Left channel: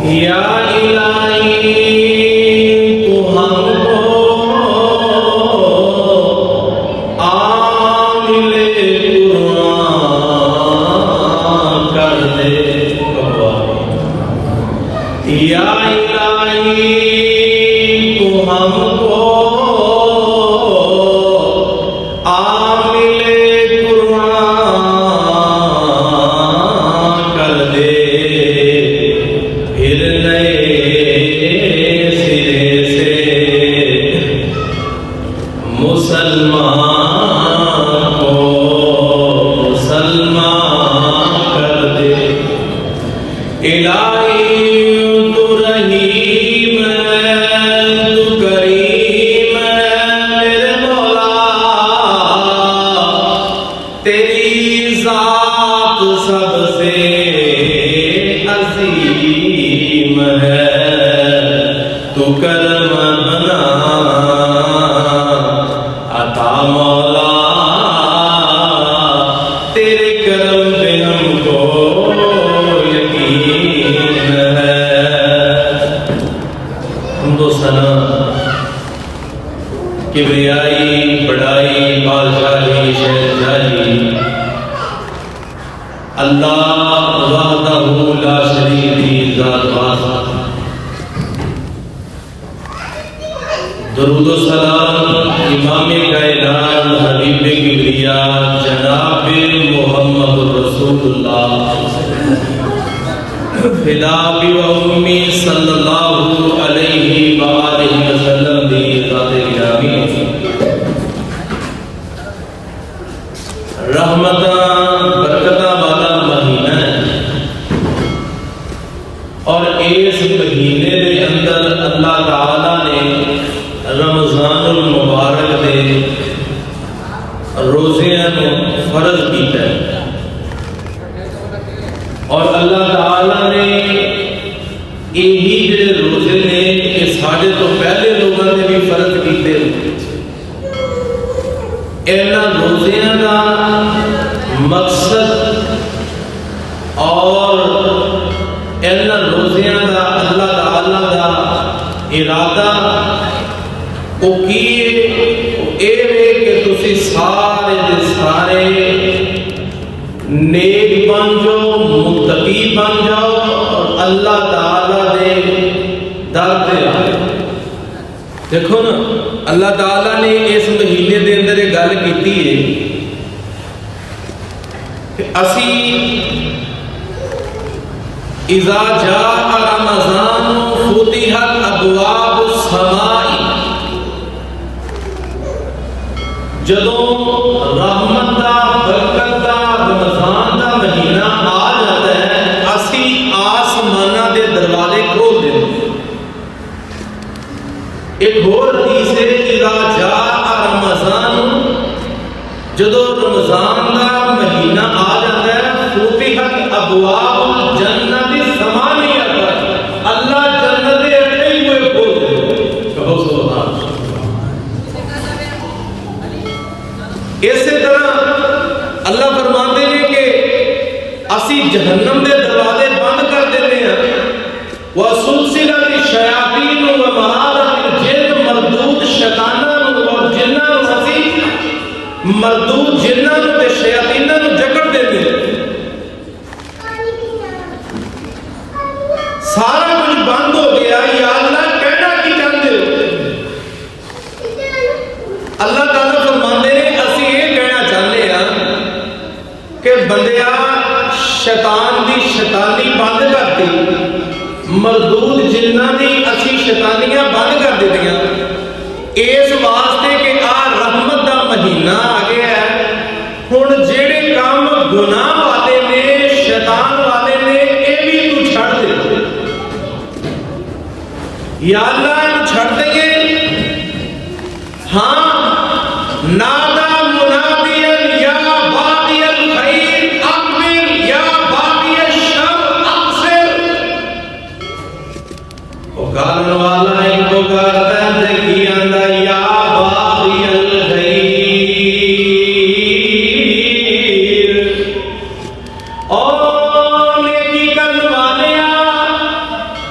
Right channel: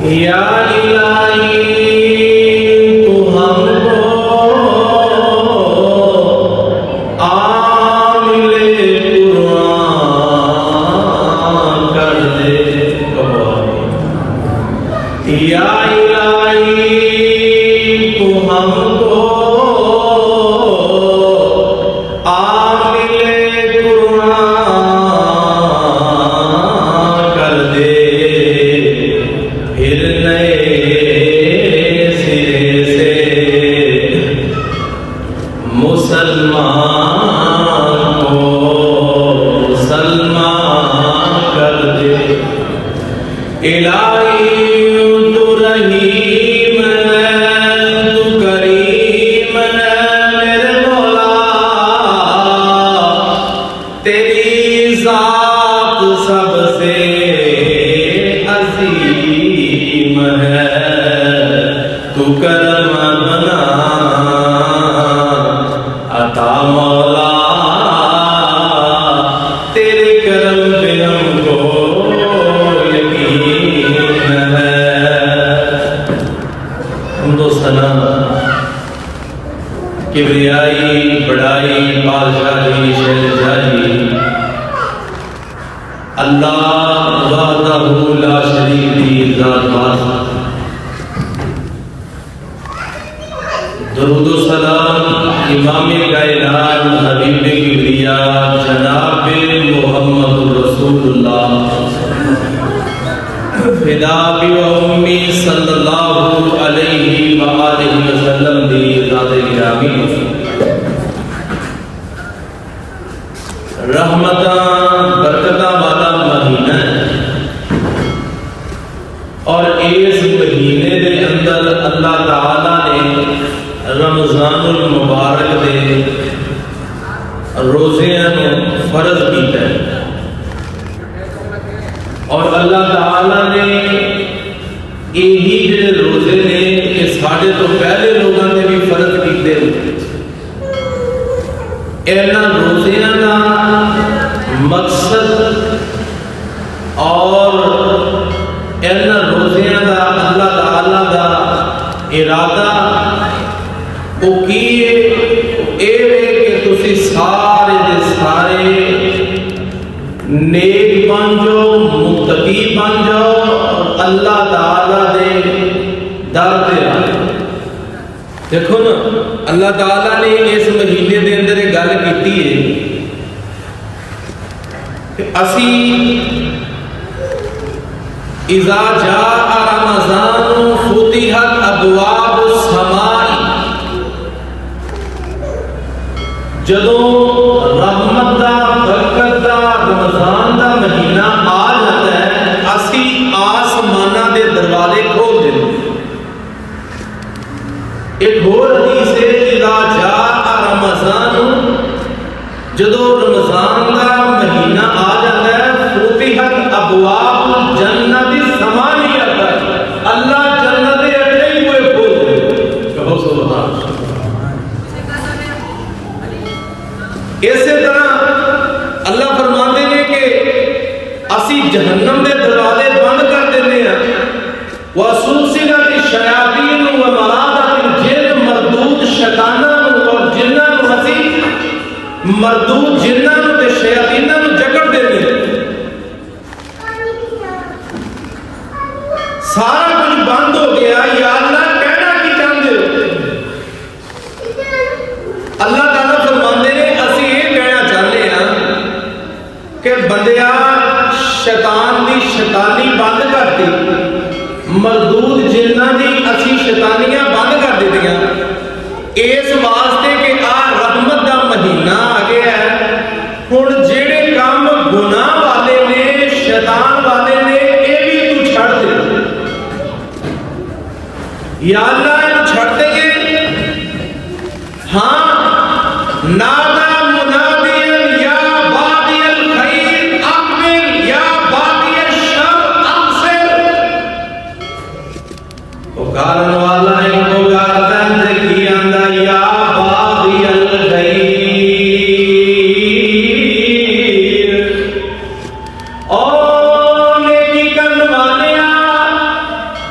یا الہی تو ہم کو عامل قرآن کر دے، یا الہی تو ہم کو عامل قرآن کر دے، پھر نئے سرے سے مسلمان کو مسلمان کر دے۔ الہی تو رحیم ہے، تو کریم ہے میرے مولا، تیری ذات سب سے عظیم ہے، تو کرم بنا عطا مولا، تیرے کرم پہ ہم کو یقین ہے۔ حمد و ثنا، کبریائی، بڑائی، بادشاہی، شہنشاہی اللہ وحدہ لا شریک کی ذات واسطہ۔ درود و سلام امام کائنات حبیب کبریاء جناب محمد رسول اللہ فدا بی و امی صلی اللہ علیہ وآلہ وسلم دی ذات گرامی، رحمتاں برکتاں والا مہینہ ہے، اور اس مہینے دے اندر اللہ تعالی نے رمضان المبارک دے روزیاں نو فرض کیتا ہے، اور اللہ تعالی نے یہی جڑے روزے نے کہ ساڈے تو پہلے لوگوں نے بھی فرض کیتے ہوئے۔ اینا روزیاں دا مقصد اور اینا روزیاں دا اللہ تعالی دا ارادہ وہ کیے اے وے کہ تسی سارے دے سارے نیک بن جاؤ، متقی بن جاؤ، اور اللہ تعالی دے در تے آئے۔ دیکھو نا، اللہ تعالی نے اس مہینے دے اندر ایک گل کیتی ہے کہ اسی اذا جاء رمضان فتحت ابواب السماء، جدوں رحمت دا برکت دا رمضان دا مہینہ آ جاتا ہے، اسی آسمانہ دے دروازے کھول دیتے ہیں۔ ایک اور حدیث ہے اذا جاء رمضان، جدوں رمضان دا مہینہ آ جاتا ہے، فتحت ابواب الجنت ثمانیہ، اللہ جنت دے اٹھے ہی کوئی کھول دے، کہو سبحان اللہ۔ اسی طرح اللہ فرماتے ہیں کہ اسی جہنم دے دروازے بند کر دیتے ہیں، وَسُلْسِلَتِ الشَّيَاطِينُ وَمَرَادَتِ الْجِنِّ، مردود شیطاناں اور جناں نوں اسی مردود جناں نوں تے شیاطیناں نوں جکڑ دیتے ہیں۔ سارا کچھ بند ہو گیا، یا اللہ کہنا کی چاہتے ہو؟ اللہ تعالیٰ فرماندے نے اسی یہ کہنا چاہتے ہیں کہ بندیا شیطان دی شیطانی بند کر دی، مردود جنہ دی اسی شیطانیاں بند کر دیتیاں، اس واسطے کہ آ رحمت دا مہینہ آ گیا ہے، ہن جڑے کام گناہ والے نے، شیطان والے نے، اے بھی تو چھڑ دے۔ یا اللہ انہوں چھڑ دیں گے؟ ہاں، نادا منادیا یا باغی الخیر اقبل یا باغی الشر اقصر، پکارن والا ان کو پکارتا ہے کہ آندا یا باغی الخیر، اور نیکی کرنے والے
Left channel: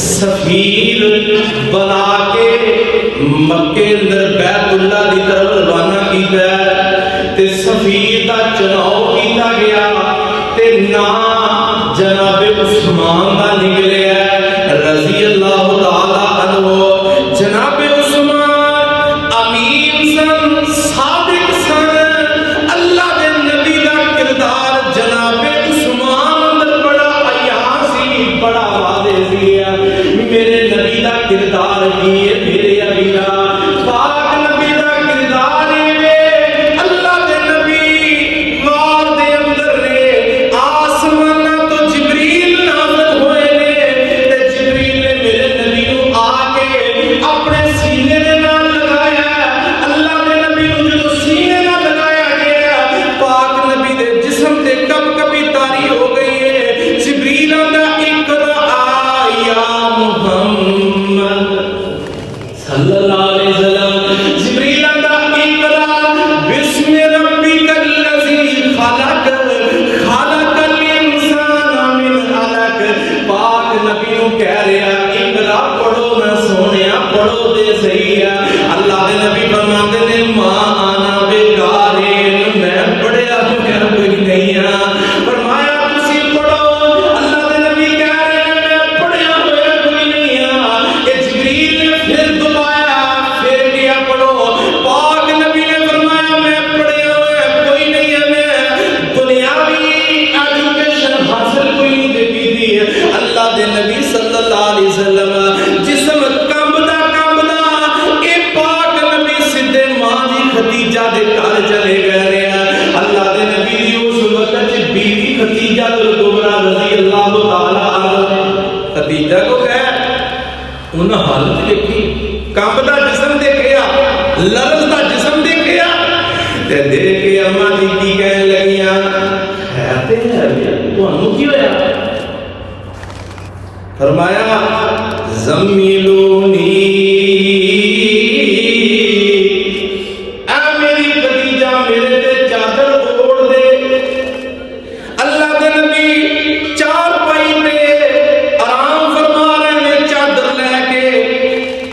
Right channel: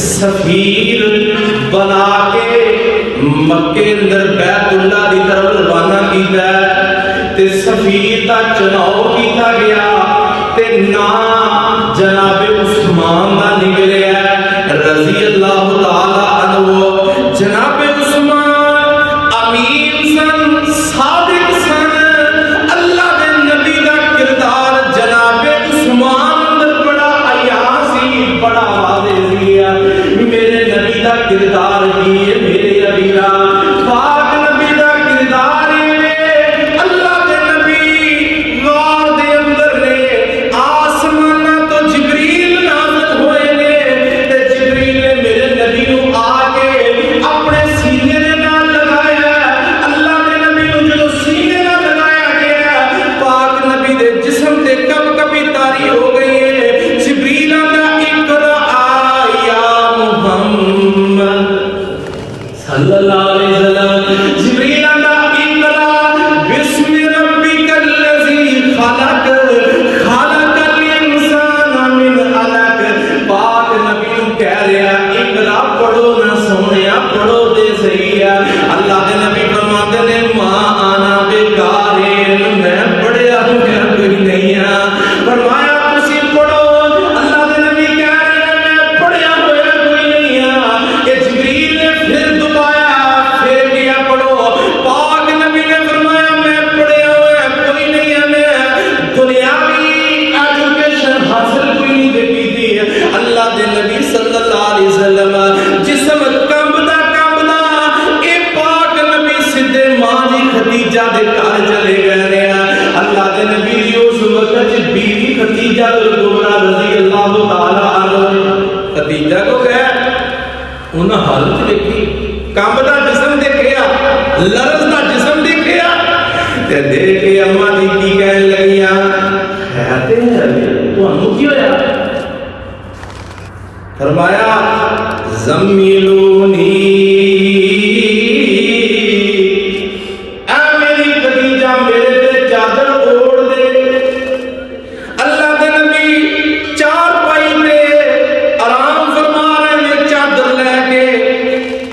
سفیر بنا کے مکے اندر بیت اللہ دی طرف روانہ کیتا ہے تے سفیر دا چناؤ کیتا گیا تے نام جناب عثمان دا نکلیا ہے رضی اللہ تعالی عنہ. جناب عثمان امین سن، صادق سن. اللہ دے نبی دا کردار جناب عثمان اندر بڑا حیا سی، بڑا واضح سی. میرے نبی دا کردار کی ہے میرے ابیرا پاک نبی دا کردار ہے. اللہ دے نبی غار دے اندر نے آسمان تو جبریل نازل ہوئے نے تے جبریل نے میرے نبی نو آ کے اپنے سینے دے نال لگایا. اللہ دے نبی نو جو سینے نال لگایا گیا پاک نبی دے جسم تے کب کبھی تاری ہو گئی ہے. جبریل دا اقرا محمد صلی اللہ علیہ وسلم. جبریل دا اقرا بسم ربک الذی خلق خلق الانسان من علق. پاک نبی نو کہہ رہا اقرا پڑھو نہ سونیا پڑھو دے صحیح ہے. اللہ دے نبی فرماتے نے ماں آنا بیکار میں پڑھیا ہوں کوئی نہیں ہے. فرمایا تسی پڑھو. اللہ دے نبی کہہ رہے میں پڑھیا ہوا کوئی نہیں ہے. کہ جبریل نے پھر دبایا پھر کیا پڑھو. پاک نبی نے فرمایا میں پڑھیا ہوا کوئی نہیں ہے. میں دنیاوی ایجوکیشن حاصل کوئی نہیں دیکھی تھی. اللہ دے نبی صلی اللہ علیہ وسلم جسم کمبدا اے پاک نبی سیدھے ماں دی خدیجہ دے گھر چلے گئے. اللہ دے نبی دی اس وقت بیوی خدیجہ الکبریٰ رضی اللہ تعالی عنہ خدیجہ کو گئے انہاں حالت دیکھی کمبدا جسم دیکھیا لرزدا جسم دیکھیا تے دیکھ کے اماں جی کی کہنے لگیاں کہتے ہیں تانوں کی ہویا. فرمایا زمیلونی اے میری خدیجہ میرے تے چادر اوڑھ دے. اللہ دے نبی چار پائی تے آرام فرما رہے ہیں چادر لے کے.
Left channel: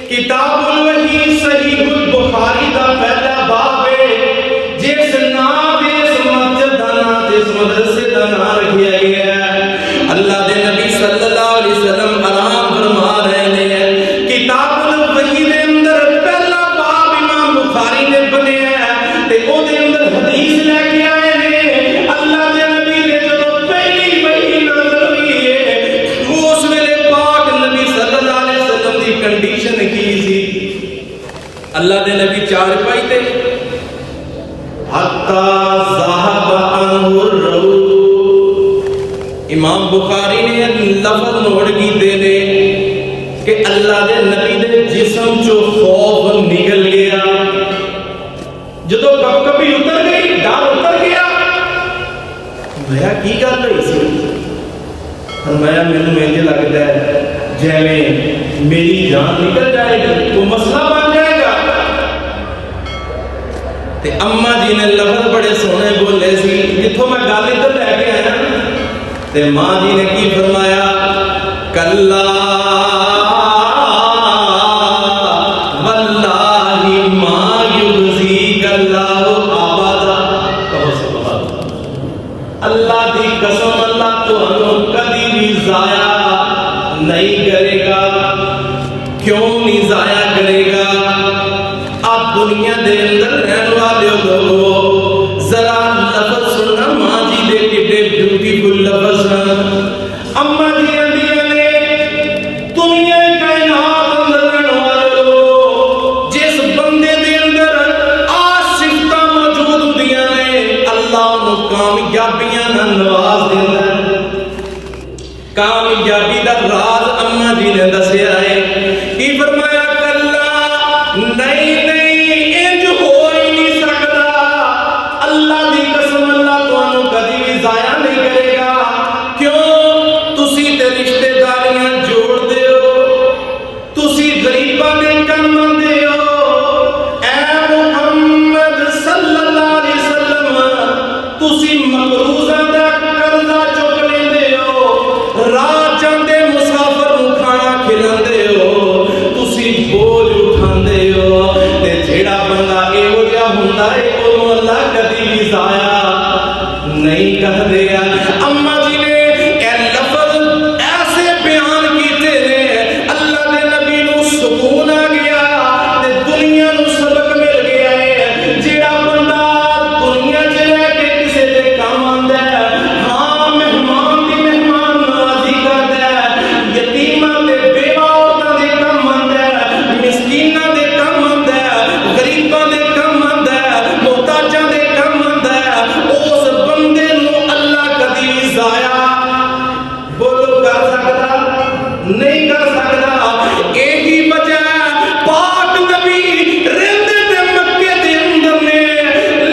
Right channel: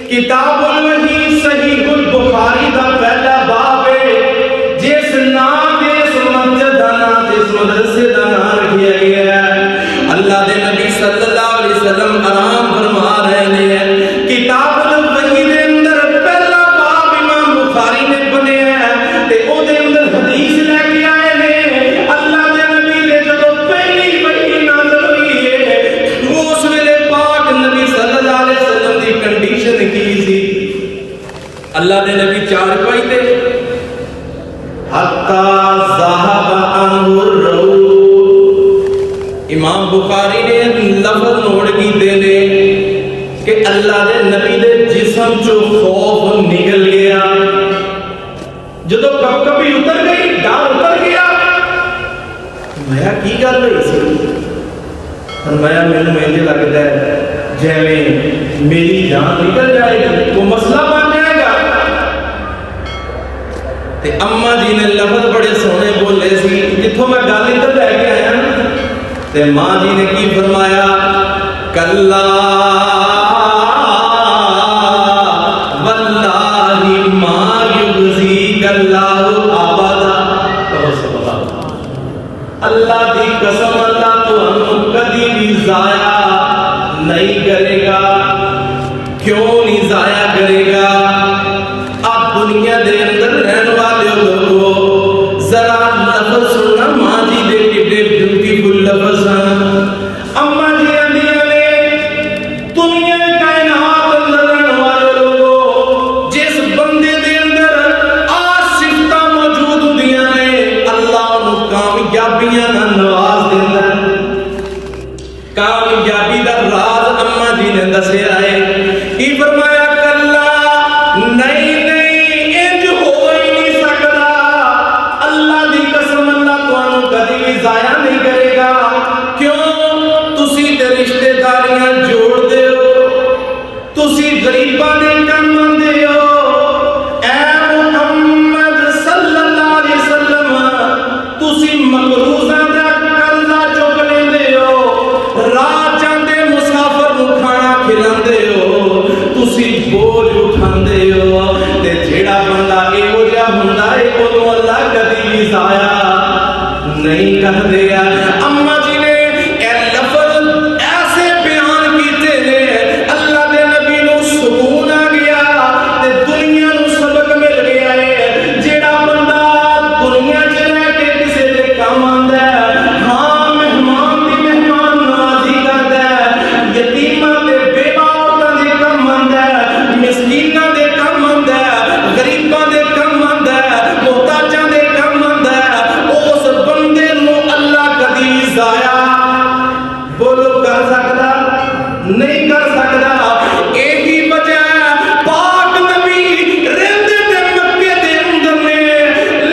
کتاب الوحی صحیح البخاری دا پہلا باب ہے جس نام اس مسجد دا نام اس مدرسے دا نام رکھیا گیا ہے. اللہ دے نبی صلی اللہ علیہ وسلم آرام فرما رہے ہیں. کتاب الوحی دے اندر پہلا باب امام بخاری نے بنیا ہے تے او دے اندر حدیث لے کے آئے نے. اللہ دے نبی نے جدوں پہلی وحی نازل ہوئی ہے اس ویلے پاک نبی صلی اللہ علیہ وسلم دی کنڈیشن کی سی. اللہ دے نبی چار پائی تے حتی ذہب عنہ الروح. امام بخاری نے لفظ نوٹ کیتے نے کہ اللہ دے نبی دے جسم چو خوف نکل گیا. جدو کب کبھی اتر گئی ڈر اتر گیا. فرمایا کی گل ہوئی سی؟ فرمایا مینوں مجھے لگتا ہے جیویں میری جان نکل جائے گی وہ مسئلہ بن جائے گا. تے اما جی نے لفظ بڑے سونے بولے سی جتوں میں گل ادھر لے کے آیا تے ماں جی نے کی فرمایا کلا واللہ ما یخزیک اللہ ابدا. کہو سبحان اللہ. اللہ دی قسم اللہ تانوں کبھی بھی ضائع نہیں کرے گا. کیوں نہیں ضائع کرے گا؟ آپ دنیا دے اندر رہن والے لوگوں ذرا لفظ سننا ماں جی دے کڈے بیوٹیفل لفظ ہیں. اما جی اندیاں نے دنیا کائنات اندر رہن والے لوگ جس بندے دے اندر صفتاں موجود ہوندیاں نے اللہ انہوں کامیابیاں نال نواز دیندا ہے. کامیابی دا راز اما جی نے دسیا ہے. کی فرمایا کلا نہیں نہیں انج ہو ہی نہیں سکتا. اللہ دی قسم اللہ تانوں کبھی بھی ضائع نہیں کرے گا. کیوں؟ تسی تے رشتہ داریاں جوڑ دیو, تسی غریباں دے کم آندے ہو. اے محمد صلی اللہ علیہ وسلم تسی مقروضاں دا قرضہ چک لیندے ہو. راہ چاندے مسافر نوں کھانا کھلا نہیں کرتے. اما جی نے اے لفظ ایسے بیان کیتے نے اللہ دے نبی نو سکون آ گیا تے دنیا نو سبق مل گیا ہے. جیڑا بندہ دنیا چ رہ کے کسے دے کام آندا ہے, ہاں مہمان دی مہمان نوازی کردا ہے, یتیماں تے بیوہ عورتاں دے کام آندا ہے, مسکیناں دے کام آندا ہے, غریباں دے کام آندا ہے, محتاجاں دے کام آندا ہے, اس بندے نو اللہ کبھی ضائع بولو کر سکدا نہیں کر سکدا. یہی وجہ پاک نبی رہندے تے مکے دے اندر نے,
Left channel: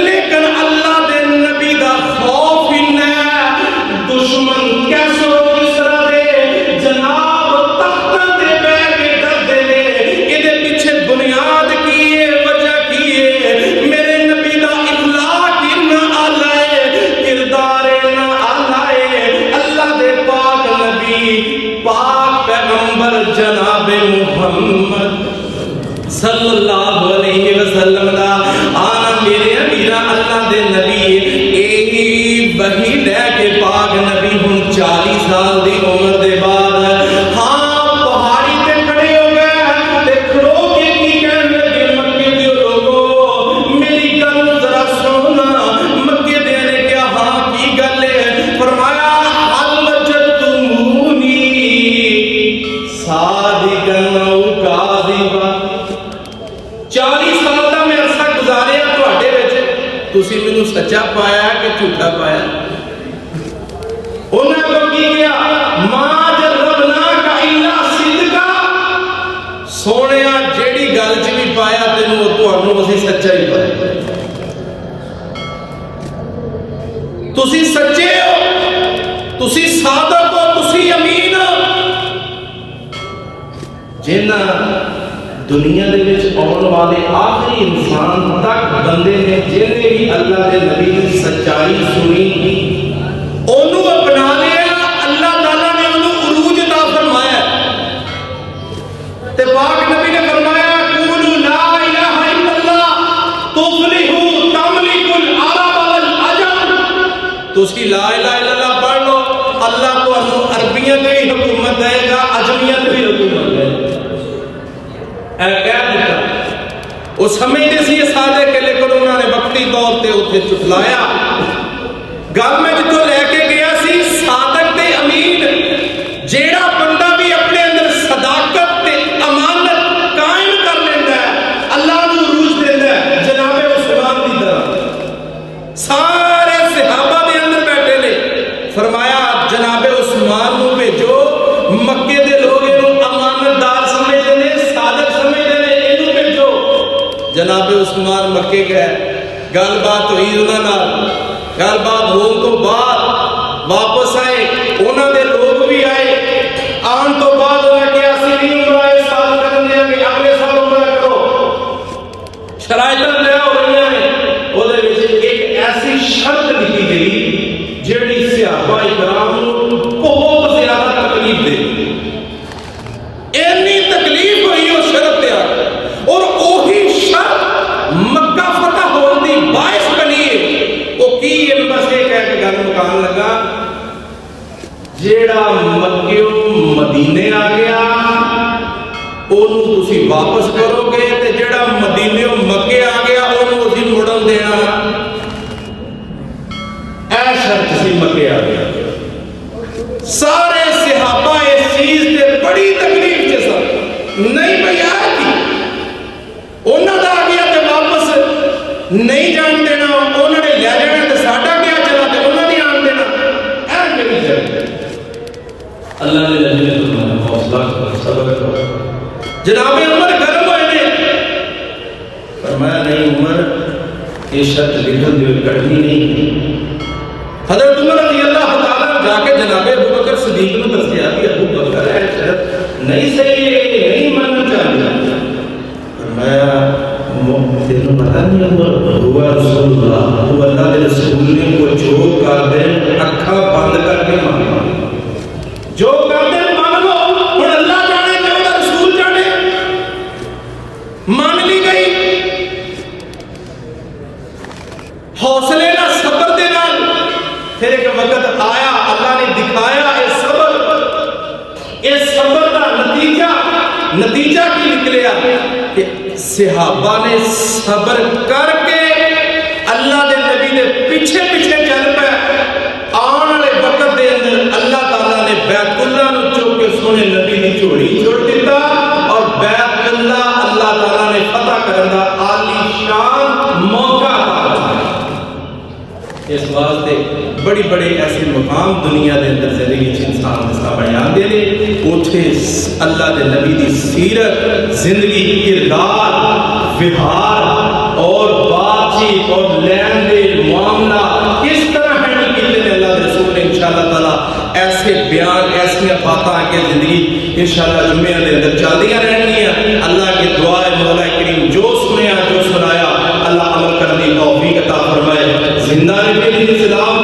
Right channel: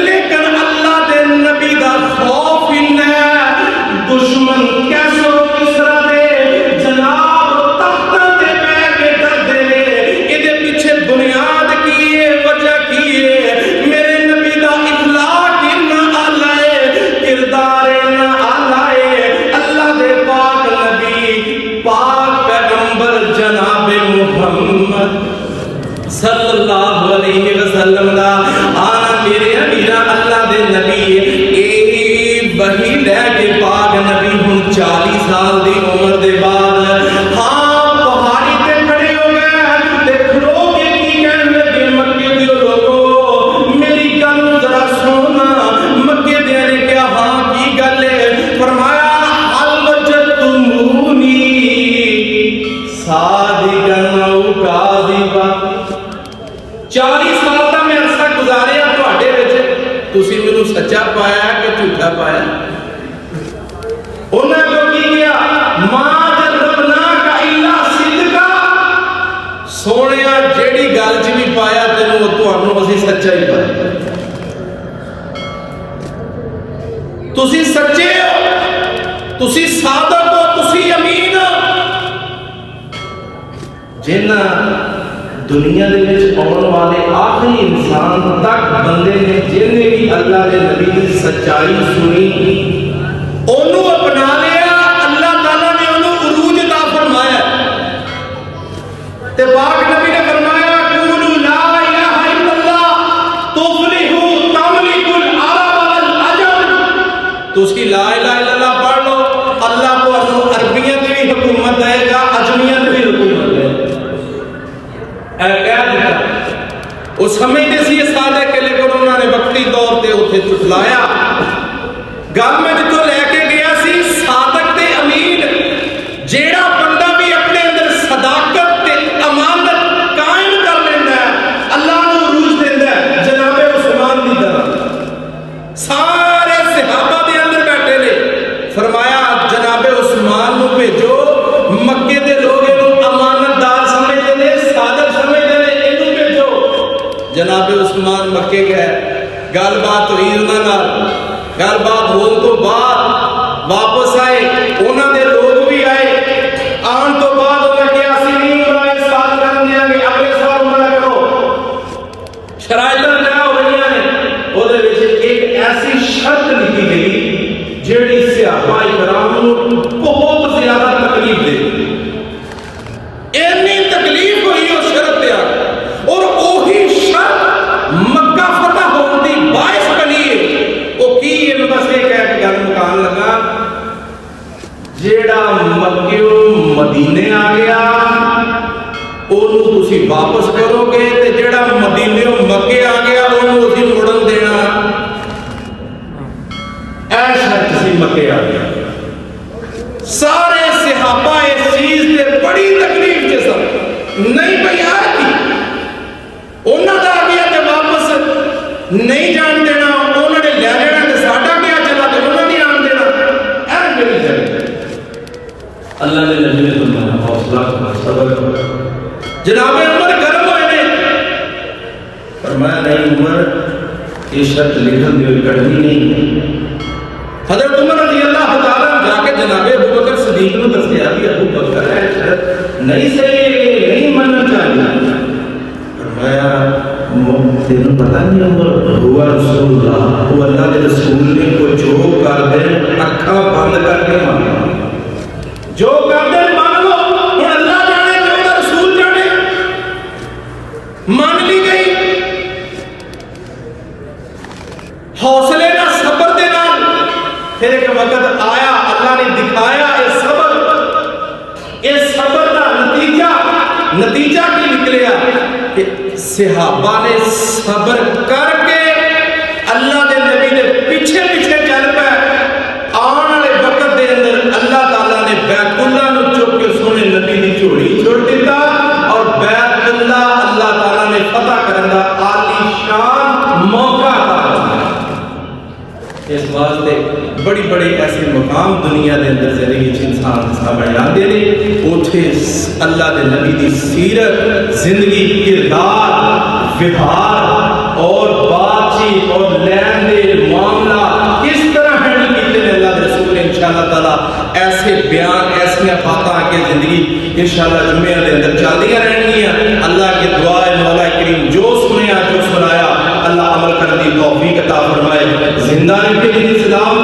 لیکن اللہ دے نبی دا خوف انہا ہے. دشمن کیسو کسرا دے جناب تختاں تے بیٹھ کے ڈردے نے. ایدے پیچھے بنیاد کی ہے, وجہ کی ہے, میرے نبی دا اخلاق انہا آلہ ہے, کردار انہا آلہ ہے. اللہ دے پاک نبی پاک پیغمبر جناب محمد صلی اللہ علیہ وسلم دا آنا میرے امیرہ اللہ دے نبی ایہی وحی لے کے پاک نبی ہن 40 سال دی عمر دے بعد ہاں پہاڑی تے کھڑے ہو گئے تے کھڑو کے کی کہنے لگے مکے دیو لوگو میری گل ذرا سننا. مکے دے نے کیا ہاں کی گل ہے؟ فرمایا حل وجدتمونی صادقاً او کاذباً. 40 سال دا میں عرصہ گزاریا تواڈے وچ, تسی مینوں سچا پایا کہ جھوٹا پایا؟ انہاں تو کی کیا ما جربناک الا صدقا. سونیا جیڑی گل چ بھی پایا تینوں تانوں اسی سچا ہی پایا. تسی سچے ہو, تسی صادق ہو, تسی امین ہو. جنہاں دنیا دے وچ آن والے آخری انسان تک بندے نے جنہیں بھی اللہ دے نبی کی سچائی سنی انہوں اپنا لیا, اللہ تعالیٰ نے انہوں عروج عطا فرمایا. تے پاک نبی نے فرمایا قولوا لا الہ الا اللہ تفلحوا تملکوا العرب والعجم. تسی لا الہ الا اللہ پڑھ لو, اللہ کو عربیت بھی حکومت دے گا, عجمیت بھی حکومت دے گا. اے کہہ دیتا وہ سمجھتے سی یہ سادے کے, لیکن انہوں نے وقتی طور تے اتنے چٹلایا. گل میں جتوں لے کے گیا سی صادق تے امین, جیڑا بندہ بھی اپنے اندر صداقت تے امانت قائم کر لینا ہے اللہ نو عروج دیندا ہے. جناب عثمان دی طرح سارے صحابہ دے اندر بیٹھے نے, فرمایا جناب عثمان نو بھیجو, مکے دے لوگ انہوں امانت دار سمجھتے نے, صادق سمجھتے نے, انہوں بھیجو. جناب عثمان مکے گئے, گل بات ہوئی انہاں نال, گل بات ہون تو بعد واپس آئے, انہاں دے لوگ بھی آئے. آن تو بعد انہاں کیا سی نہیں عمرہ اس سال کر دیا کہ اگلے سال عمرہ کرو. شرائطاں لے ہو رہی ہیں, وہ دے وچ ایک ایسی شرط لکھی گئی جیڑی صحابہ کرام کو بہت زیادہ تکلیف دے. اینی تکلیف ہوئی اس شرط تے آ, اور وہی شرط مکہ فتح ہونے دی باعث بنی ہے. وہ کی ہے, میں بس یہ کہہ کے گل مکان لگا, جیڑا مکیوں مدینے آ گیا انہوں تسی واپس کرو گے, تے جیڑا مدینے مکے آ گیا انہوں اسی مڑن دینا. اے شرط سی مکے آ گیا. سارے صحابہ اس چیز تے بڑی تکلیف کے ساتھ نہیں بھیا کی انہوں نے آ گیا تے واپس نہیں جان دینا, انہوں نے لے جانا تے ساڈا کیا چلا تے انہوں نے آن دینا. اے میری جگہ اللہ نے نبی نے تمہارا حوصلہ کرو, صبر کرو. جناب عمر گرم ہوئے نے, فرمایا نہیں عمر یہ شرط لکھن دیو کڑنی نہیں. حضرت عمر رضی اللہ تعالیٰ جا کے جناب ابو بکر صدیق نے دسیا کہ ابو بکر ہے شرط نہیں صحیح نہیں ماننا چاہیے. فرمایا تینوں پتہ نہیں عمر ہوا رسول اللہ, وہ اللہ کے رسول نے کو جو کر دے اکھاں بند کر کے ماننا, جو کر دے مان لو. اور اللہ جانے جو رسول جانے, مان لی گئی حوصلے نہ صبر دے نال. یہ صبر کا نتیجہ کی نکلیا کہ صحابہ نے صبر کر کے اللہ دے نبی دے پیچھے پیچھے چل پے. آن والے وقت دے اندر اللہ تعالیٰ نے بیت اللہ نو چک کے سونے نبی دی جھولی چھوڑ دیتا اور بیت اللہ اللہ تعالیٰ نے فتح کرن دا عالی شان موقع عطا فرمایا. اس واسطے بڑی بڑی ایسے مقام دنیا دے اندر زندگی انسان کے سامنے آندے نے. اوتھے اللہ دے نبی دی سیرت زندگی کردار ویوہار اور بات چیت اور لین دین معاملہ کس طرح ہینڈل کیتے ہیں اللہ دے رسول نے انشاءاللہ تعالیٰ ایسے بیان ایسیاں باتاں کہ زندگی انشاءاللہ جمعے دے اندر چلدیاں رہنگیاں. اللہ کی دعا ہے مولا کریم جو سنیا جو سنایا اللہ عمل کرنے کی توفیق عطا فرمائے. زندہ رکھے دین اسلام